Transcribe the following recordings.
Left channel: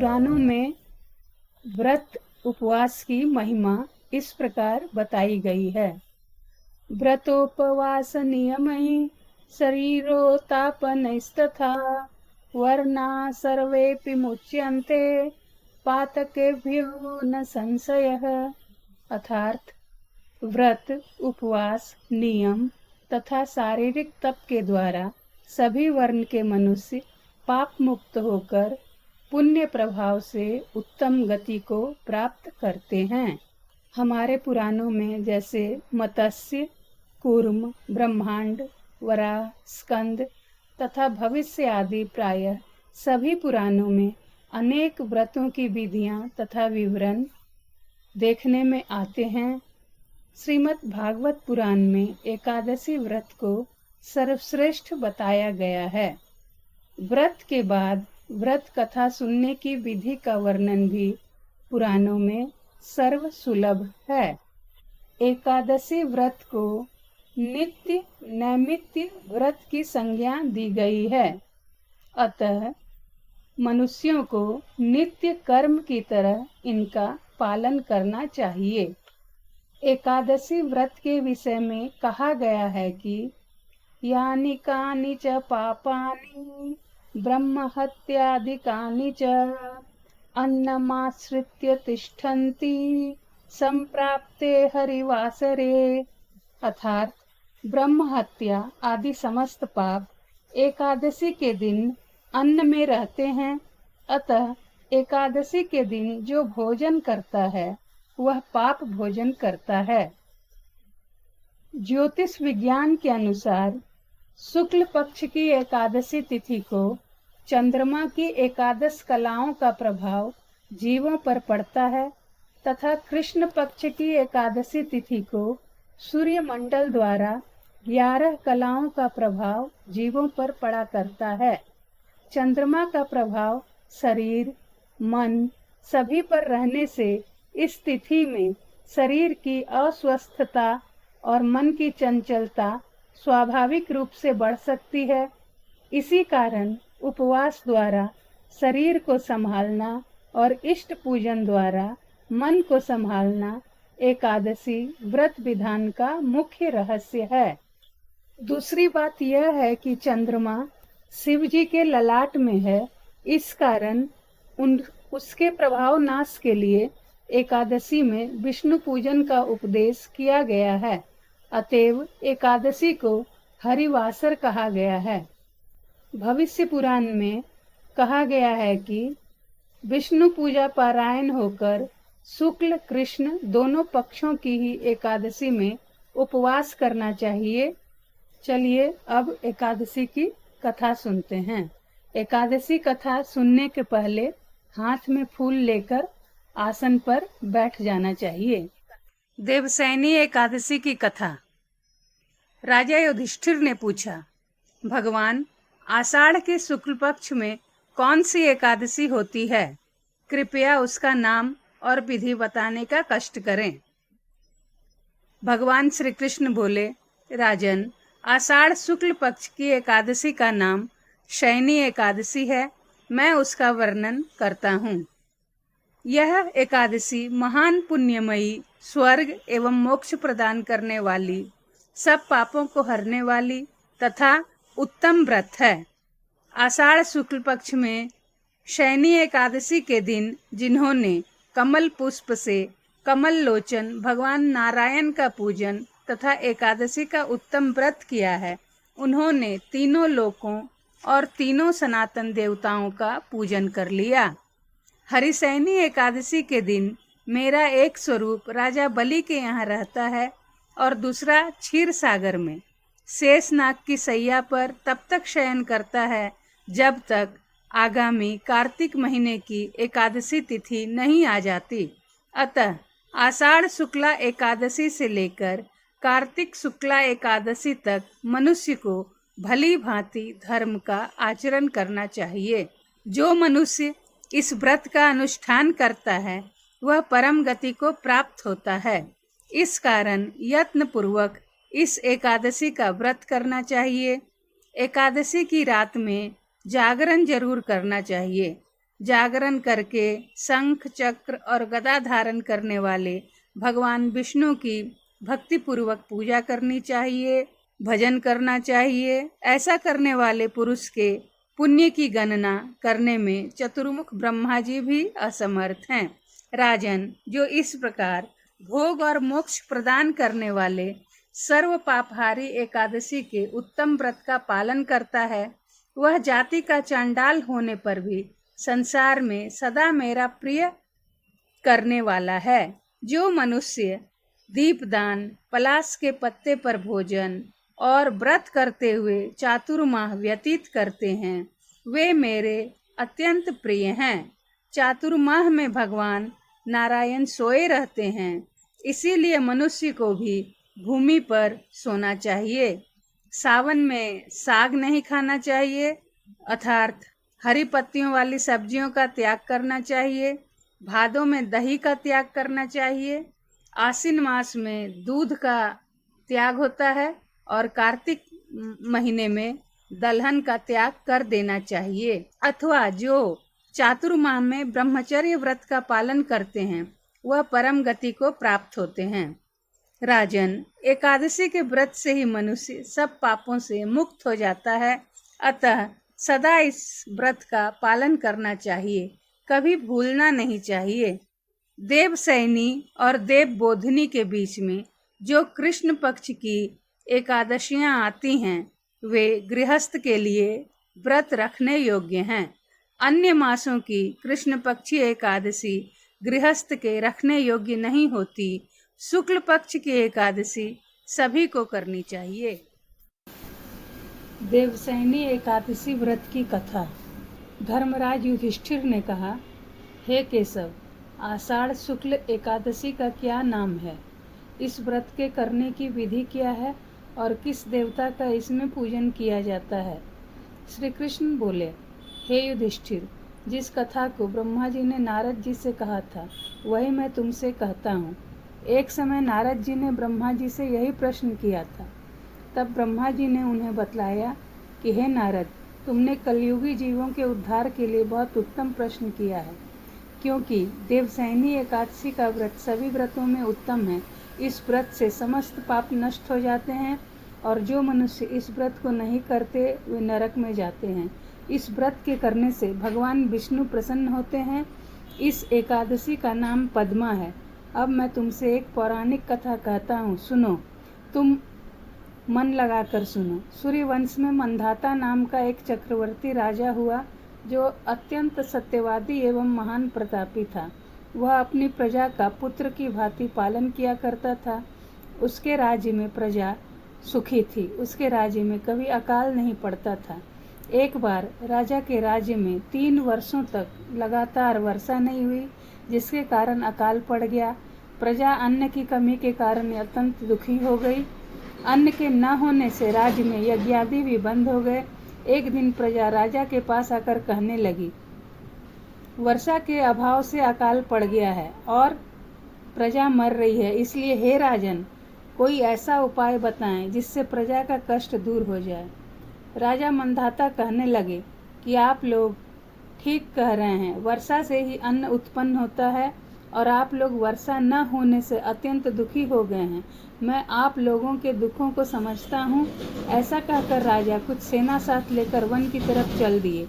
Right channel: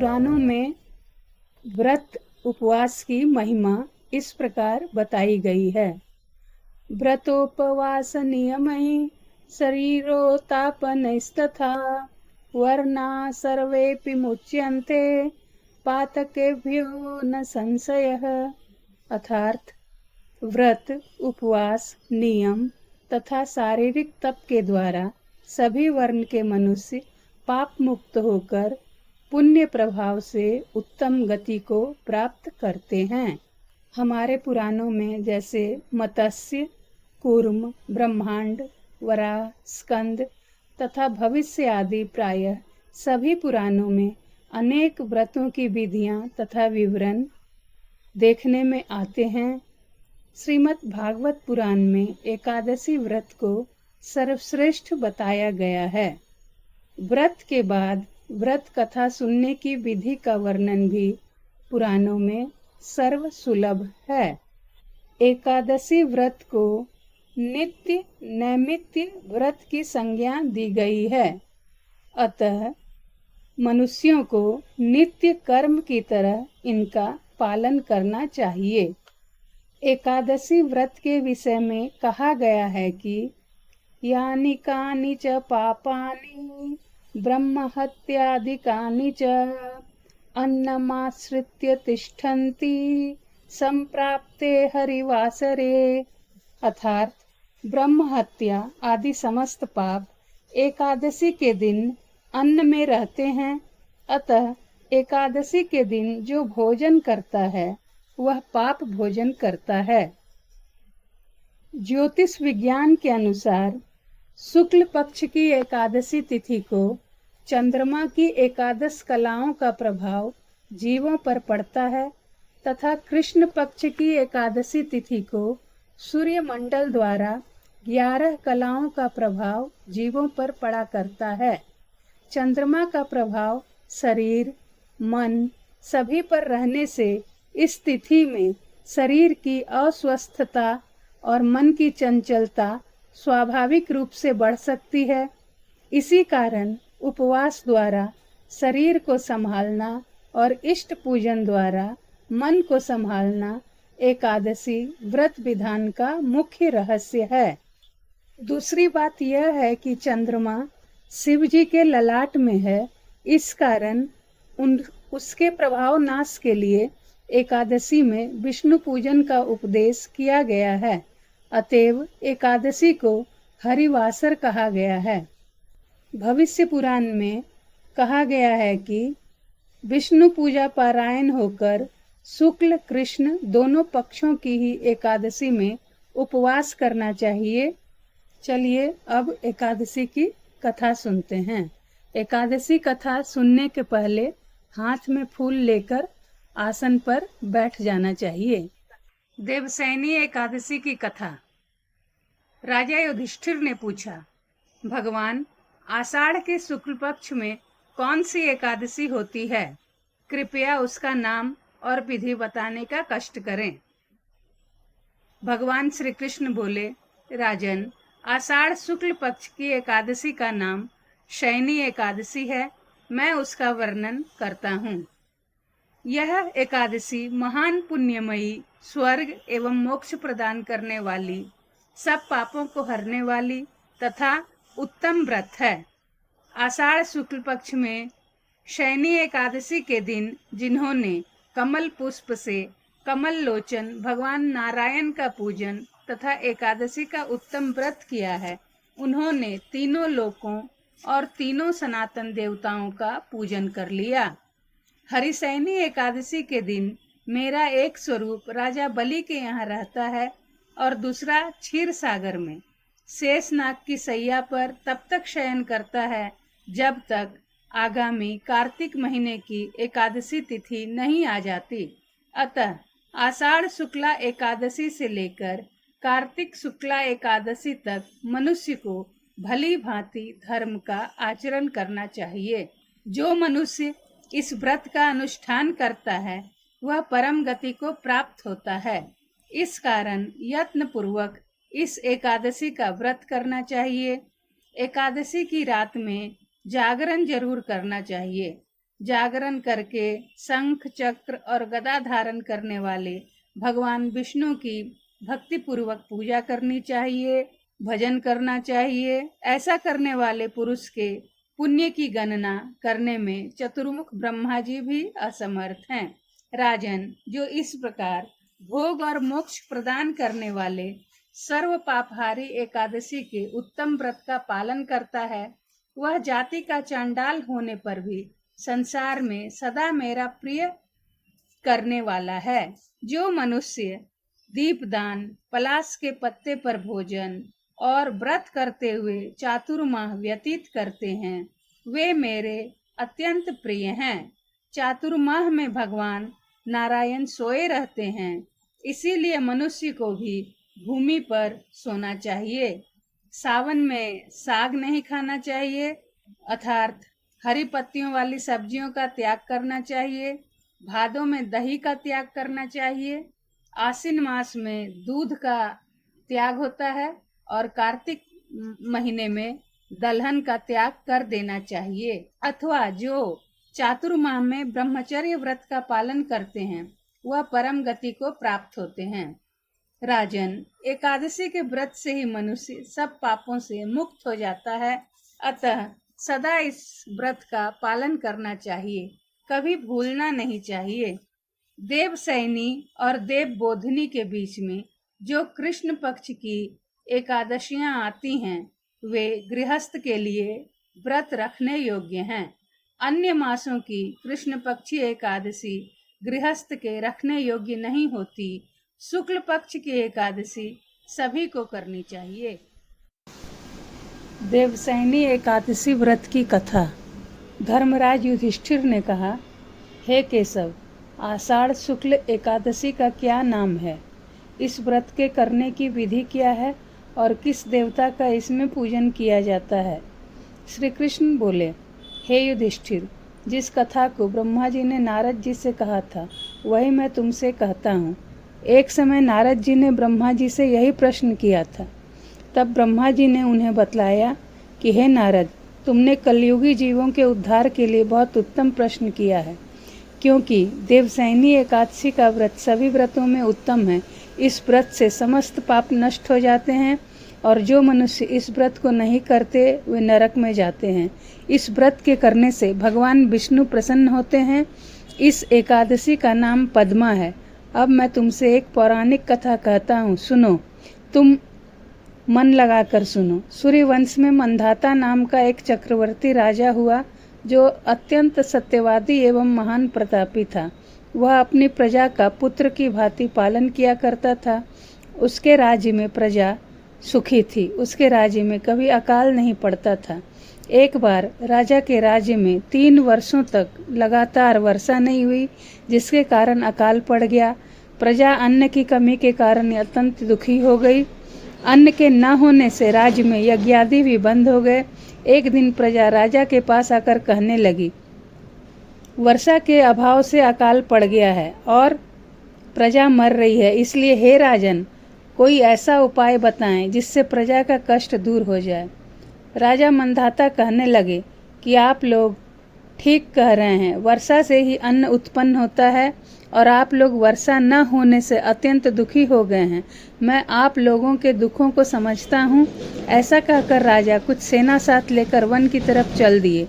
पुराणों में व्रत उपवास की महिमा इस प्रकार बताई गई है। व्रतोपवास नियमैः शरीरोत्तापनैस्तथा वर्णा सर्वेऽपि मुच्यन्ते पातकेभ्यो न संशयः। अर्थात व्रत, उपवास, नियम तथा शारीरिक तप के द्वारा सभी वर्ण के मनुष्य पाप मुक्त होकर पुण्य प्रभाव से उत्तम गति को प्राप्त करते हैं। हमारे पुराणों में जैसे मत्स्य, कूर्म, ब्रह्मांड, वराह, स्कंद तथा भविष्य आदि प्रायः सभी पुराणों में अनेक व्रतों की विधियां तथा विवरण देखने में आते हैं। श्रीमद् भागवत पुराण में एकादशी व्रत को सर्वश्रेष्ठ बताया गया है। व्रत के बाद व्रत कथा सुनने की विधि का वर्णन भी पुराणों में सर्व सुलभ है। एकादशी व्रत को नित्य नैमित्य व्रत की संज्ञा दी गई है। अतः मनुष्यों को नित्य कर्म की तरह इनका पालन करना चाहिए। एकादशी व्रत के विषय में कहा गया है कि यानि कानि च पापानि ब्रह्महत्यादिकानि च अन्नमाश्रित्य तिष्ठन्ति संप्राप्ते हरिवासरे। अर्थात ब्रह्म हत्या आदि समस्त पाप एकादशी के दिन अन्न में रहते हैं। अतः एकादशी के दिन जो भोजन करता है वह पाप भोजन करता है। ज्योतिष विज्ञान के अनुसार शुक्ल पक्ष की एकादशी तिथि को चंद्रमा की एकादश कलाओं का प्रभाव जीवों पर पड़ता है तथा कृष्ण पक्ष की एकादशी तिथि को सूर्य मंडल द्वारा 11 कलाओं का प्रभाव जीवों पर पड़ा करता है। चंद्रमा का प्रभाव शरीर, मन सभी पर रहने से इस तिथि में शरीर की अस्वस्थता और मन की चंचलता स्वाभाविक रूप से बढ़ सकती है। इसी कारण उपवास द्वारा शरीर को संभालना और इष्ट पूजन द्वारा मन को संभालना एकादशी व्रत विधान का मुख्य रहस्य है। दूसरी बात यह है कि चंद्रमा शिव जी के ललाट में है। इस कारण उसके प्रभाव नाश के लिए एकादशी में विष्णु पूजन का उपदेश किया गया है। अतएव एकादशी को हरिवासर कहा गया है। भविष्य पुराण में कहा गया है कि विष्णु पूजा पारायण होकर शुक्ल कृष्ण दोनों पक्षों की ही एकादशी में उपवास करना चाहिए। चलिए अब एकादशी की कथा सुनते हैं। एकादशी कथा सुनने के पहले हाथ में फूल लेकर आसन पर बैठ जाना चाहिए। देवसैनी एकादशी की कथा। राजा युधिष्ठिर ने पूछा, भगवान, आषाढ़ के शुक्ल पक्ष में कौन सी एकादशी होती है? कृपया उसका नाम और विधि बताने का कष्ट करें। भगवान श्री कृष्ण बोले, राजन, आषाढ़ शुक्ल पक्ष की एकादशी का नाम शयनी एकादशी है। मैं उसका वर्णन करता हूँ। यह एकादशी महान पुण्यमयी, स्वर्ग एवं मोक्ष प्रदान करने वाली, सब पापों को हरने वाली तथा उत्तम व्रत है। आषाढ़ शुक्ल पक्ष में शयनी एकादशी के दिन जिन्होंने कमल पुष्प से कमल लोचन भगवान नारायण का पूजन तथा एकादशी का उत्तम व्रत किया है, उन्होंने तीनों लोकों और तीनों सनातन देवताओं का पूजन कर लिया। हरिशयनी एकादशी के दिन मेरा एक स्वरूप राजा बलि के यहाँ रहता है और दूसरा क्षीर सागर में शेषनाग की सैया पर तब तक शयन करता है जब तक आगामी कार्तिक महीने की एकादशी तिथि नहीं आ जाती। अतः आषाढ़ शुक्ला एकादशी से लेकर कार्तिक शुक्ला एकादशी तक मनुष्य को भली भांति धर्म का आचरण करना चाहिए। जो मनुष्य इस व्रत का अनुष्ठान करता है वह परम गति को प्राप्त होता है। इस कारण यत्न पूर्वक इस एकादशी का व्रत करना चाहिए। एकादशी की रात में जागरण जरूर करना चाहिए। जागरण करके शंख चक्र और गदा धारण करने वाले भगवान विष्णु की भक्ति पूर्वक पूजा करनी चाहिए, भजन करना चाहिए। ऐसा करने वाले पुरुष के पुण्य की गणना करने में चतुर्मुख ब्रह्मा जी भी असमर्थ हैं। राजन, जो इस प्रकार भोग और मोक्ष प्रदान करने वाले सर्व पापहारी एकादशी के उत्तम व्रत का पालन करता है, वह जाति का चांडाल होने पर भी संसार में सदा मेरा प्रिय करने वाला है। जो मनुष्य दीपदान, पलाश के पत्ते पर भोजन और व्रत करते हुए चातुर्माह व्यतीत करते हैं, वे मेरे अत्यंत प्रिय हैं। चातुर्माह में भगवान नारायण सोए रहते हैं, इसीलिए मनुष्य को भी भूमि पर सोना चाहिए। सावन में साग नहीं खाना चाहिए, अर्थात हरी पत्तियों वाली सब्जियों का त्याग करना चाहिए। भादों में दही का त्याग करना चाहिए। आश्विन मास में दूध का त्याग होता है और कार्तिक महीने में दलहन का त्याग कर देना चाहिए। अथवा जो चातुर्माह में ब्रह्मचर्य व्रत का पालन करते हैं, वह परम गति को प्राप्त होते हैं। राजन, एकादशी के व्रत से ही मनुष्य सब पापों से मुक्त हो जाता है, अतः सदा इस व्रत का पालन करना चाहिए, कभी भूलना नहीं चाहिए। देवसैनी और देवबोधिनी के बीच में जो कृष्ण पक्ष की एकादशियां आती हैं, वे गृहस्थ के लिए व्रत रखने योग्य हैं। अन्य मासों की कृष्ण पक्षी एकादशी गृहस्थ के रखने योग्य नहीं होती। शुक्ल पक्ष की एकादशी सभी को करनी चाहिए। देवसैनी एकादशी व्रत की कथा। धर्मराज युधिष्ठिर ने कहा, हे केशव, आषाढ़ शुक्ल एकादशी का क्या नाम है? इस व्रत के करने की विधि क्या है और किस देवता का इसमें पूजन किया जाता है? श्री कृष्ण बोले, हे युधिष्ठिर, जिस कथा को ब्रह्मा जी ने नारद जी से कहा था, वही मैं तुमसे कहता हूँ। एक समय नारद जी ने ब्रह्मा जी से यही प्रश्न किया था। तब ब्रह्मा जी ने उन्हें बतलाया कि हे नारद, तुमने कलयुगी जीवों के उद्धार के लिए बहुत उत्तम प्रश्न किया है, क्योंकि देवसैनी एकादशी का व्रत सभी व्रतों में उत्तम है। इस व्रत से समस्त पाप नष्ट हो जाते हैं और जो मनुष्य इस व्रत को नहीं करते वे नरक में जाते हैं। इस व्रत के करने से भगवान विष्णु प्रसन्न होते हैं। इस एकादशी का नाम पद्मा है। अब मैं तुमसे एक पौराणिक कथा कहता हूँ, सुनो। तुम मन लगाकर सुनो। सूर्यवंश में मंधाता नाम का एक चक्रवर्ती राजा हुआ, जो अत्यंत सत्यवादी एवं महान प्रतापी था। वह अपनी प्रजा का पुत्र की भांति पालन किया करता था। उसके राज्य में प्रजा सुखी थी। उसके राज्य में कभी अकाल नहीं पड़ता था। एक बार राजा के राज्य में 3 वर्षों तक लगातार वर्षा नहीं हुई, जिसके कारण अकाल पड़ गया। प्रजा अन्न की कमी के कारण अत्यंत दुखी हो गई। अन्न के न होने से राज्य में यज्ञादि भी बंद हो गए। एक दिन प्रजा राजा के पास आकर कहने लगी, वर्षा के अभाव से अकाल पड़ गया है और प्रजा मर रही है, इसलिए हे राजन, कोई ऐसा उपाय बताएं जिससे प्रजा का कष्ट दूर हो जाए। राजा मंधाता कहने लगे कि आप लोग ठीक कह रहे हैं, वर्षा से ही अन्न उत्पन्न होता है और आप लोग वर्षा न होने से अत्यंत दुखी हो गए हैं। मैं आप लोगों के दुखों को समझता हूँ। ऐसा कहकर राजा कुछ सेना साथ लेकर वन की तरफ चल दिए।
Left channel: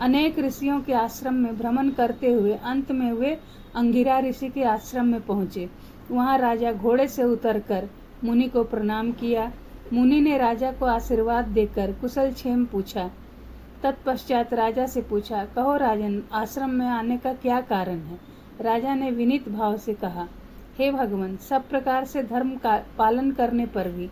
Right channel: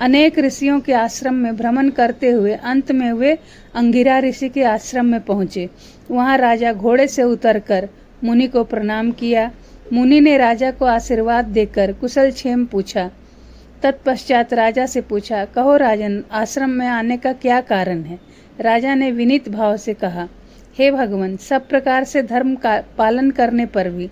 अनेक ऋषियों के आश्रम में भ्रमण करते हुए अंत में वे अंगिरा ऋषि के आश्रम में पहुँचे। वहाँ राजा घोड़े से उतरकर मुनि को प्रणाम किया। मुनि ने राजा को आशीर्वाद देकर कुशल क्षेम पूछा। तत्पश्चात राजा से पूछा, कहो राजन, आश्रम में आने का क्या कारण है? राजा ने विनीत भाव से कहा, हे भगवान, सब प्रकार से धर्म का पालन करने पर भी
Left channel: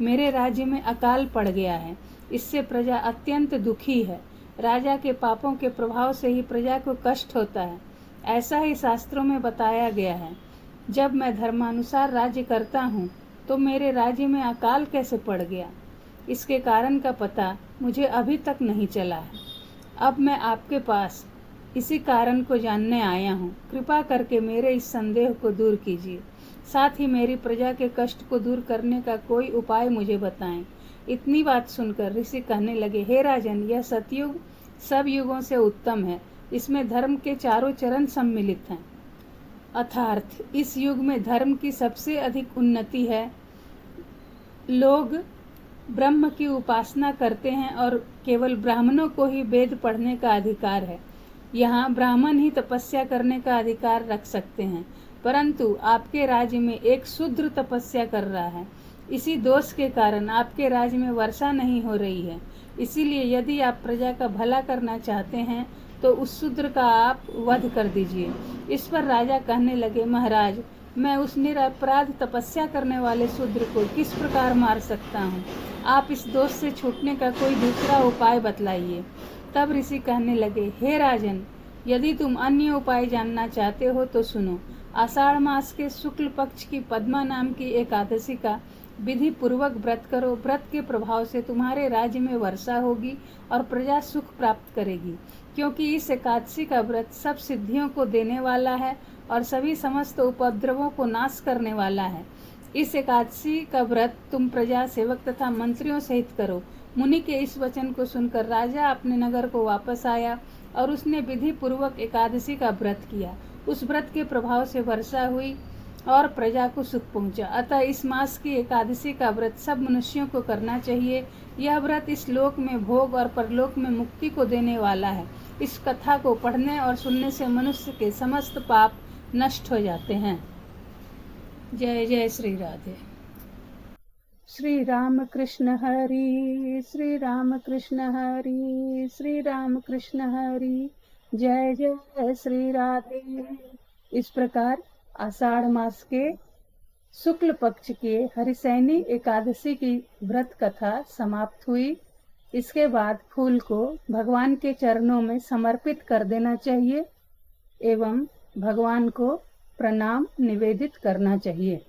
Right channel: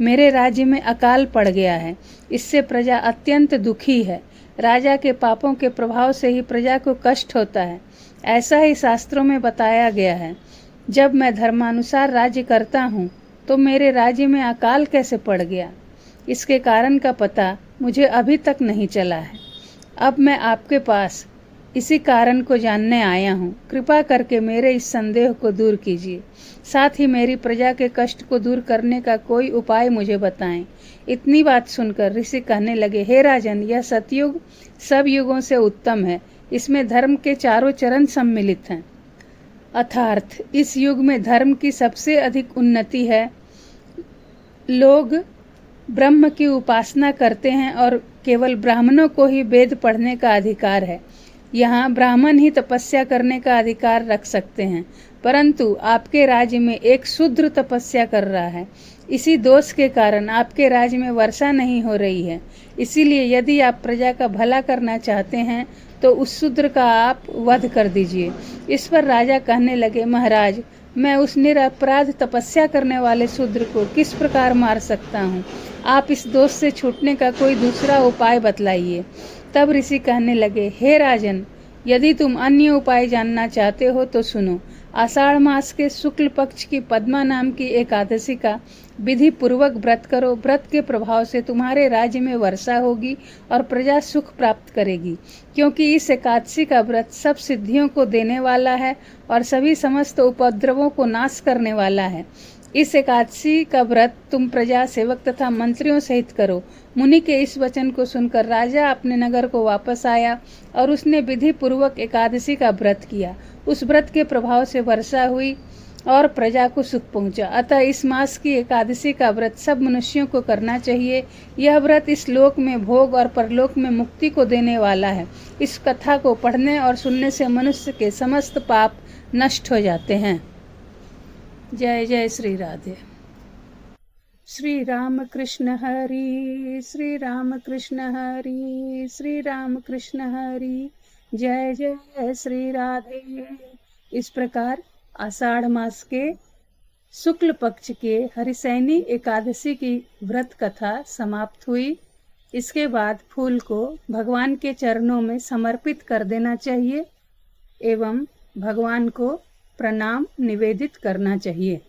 मेरे राज्य में अकाल पड़ गया है। इससे प्रजा अत्यंत दुखी है। राजा के पापों के प्रभाव से ही प्रजा को कष्ट होता है। ऐसा ही शास्त्रों में बताया गया है। जब मैं धर्मानुसार राज्य करता हूँ तो मेरे राज्य में अकाल कैसे पड़ गया, इसके कारण का पता मुझे अभी तक नहीं चला है। अब मैं आपके पास इसी कारण को जानने आया हूँ। कृपा करके मेरे इस संदेह को दूर कीजिए। साथ ही मेरी प्रजा के कष्ट को दूर करने का कोई उपाय मुझे बताएं। इतनी बात सुनकर ऋषि कहने लगे, हे राजन, यह सतयुग सब युगों से उत्तम है, इसमें धर्म के चारों चरण सम्मिलित हैं। अर्थात इस युग में धर्म की सबसे अधिक उन्नति है। लोग ब्रह्म की उपासना करते हैं और केवल ब्राह्मणों को ही वेद पढ़ने का अधिकार है। यहाँ ब्राह्मण ही तपस्या करने का अधिकार रख सकते हैं, परंतु आपके राज्य में एक शूद्र तपस्या कर रहा है। इसी दोष के कारण आपके राज्य में वर्षा नहीं हो रही है। इसीलिए यदि आप प्रजा का भला करना चाहते हैं तो उस शूद्र का आप वध कर दीजिए। इस पर राजा कहने लगे, महाराज, मैं उस निरपराध तपस्या करने वाले शूद्र को किस प्रकार मार सकता हूँ? आप इस दोष से छूटने का कोई दूसरा उपाय बतलाइए। तब ऋषि कहने लगे, हे राजन, यदि तुम अन्य उपाय जानना चाहते हो तो सुनो। आषाढ़ मास के शुक्ल पक्ष की पद्मा नाम की एकादशी का विधि पूर्वक व्रत करो। व्रत के प्रभाव से तुम्हारे राज्य में वर्षा होगी और प्रजा सुख प्राप्त करेगी, क्योंकि इस एकादशी का व्रत सब सिद्धियों को देने वाला है और सभी समस्त उपद्रवों को नाश करने वाला है। इस एकादशी का व्रत तुम प्रजा, सेवक तथा मंत्रियों सहित करो। मुनि के इस वचन को सुनकर राजा अपने नगर को वापस आया और उसने विधि पूर्वक एकादशी का व्रत किया। उस व्रत के प्रभाव से वर्षा हुई और प्रजा को सुख पहुंचा। अतः इस मास की एकादशी का व्रत सब मनुष्यों को करना चाहिए। यह व्रत इस लोक में भोग और परलोक में मुक्ति को देने वाला है। इस कथा को पढ़ने और सुनने से मनुष्य के समस्त पाप नष्ट हो जाते हैं। जय जय श्री राधे। श्री राम कृष्ण हरि, श्री राम कृष्ण हरि, श्री राम कृष्ण हरि, जय जय श्री राधे। इस प्रकार आषाढ़ मास के शुक्ल पक्ष के हरिशयनी एकादशी की व्रत कथा समाप्त हुई। इसके बाद फूल को भगवान के चरणों में समर्पित कर देना चाहिए एवं भगवान को प्रणाम निवेदित करना चाहिए।